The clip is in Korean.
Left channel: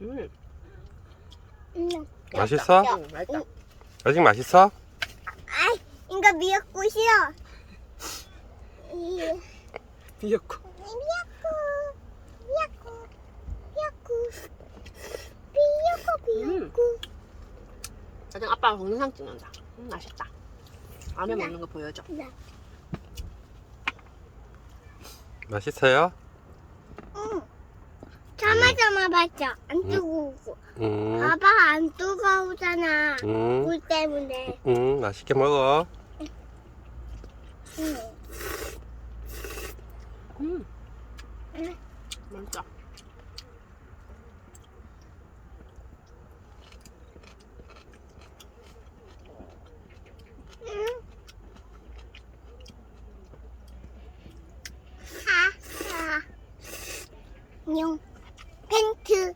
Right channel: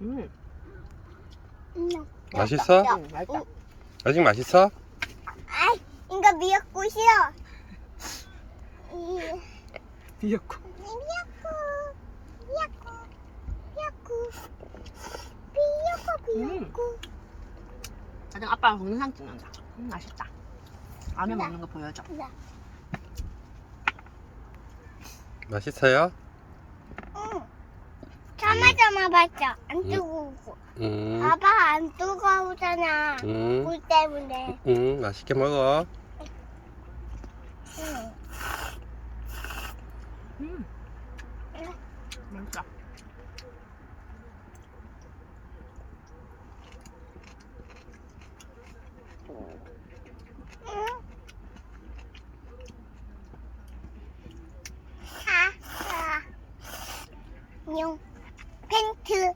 음. 음. 맛있어? 응, 맛있다. 아직 맛있어? 아이, 이거 미역국이요. 이 미역국. 미역국, 미역국, 미역국, 미역국, 미역국. 짜장 아빠랑 동영상 찍는다. 음, 맛있다. 라면 네. 먹는 거 보여줘. 맛있어요? 참아 참아 봤죠. 안 뜨거우고. 음, 봐봐 안 뜨거우잖아. 음, 물 때문에. 음, 맛있게 먹어. 응. 음. 응. 맛있다. 응. 하, 하. 뇽. pink to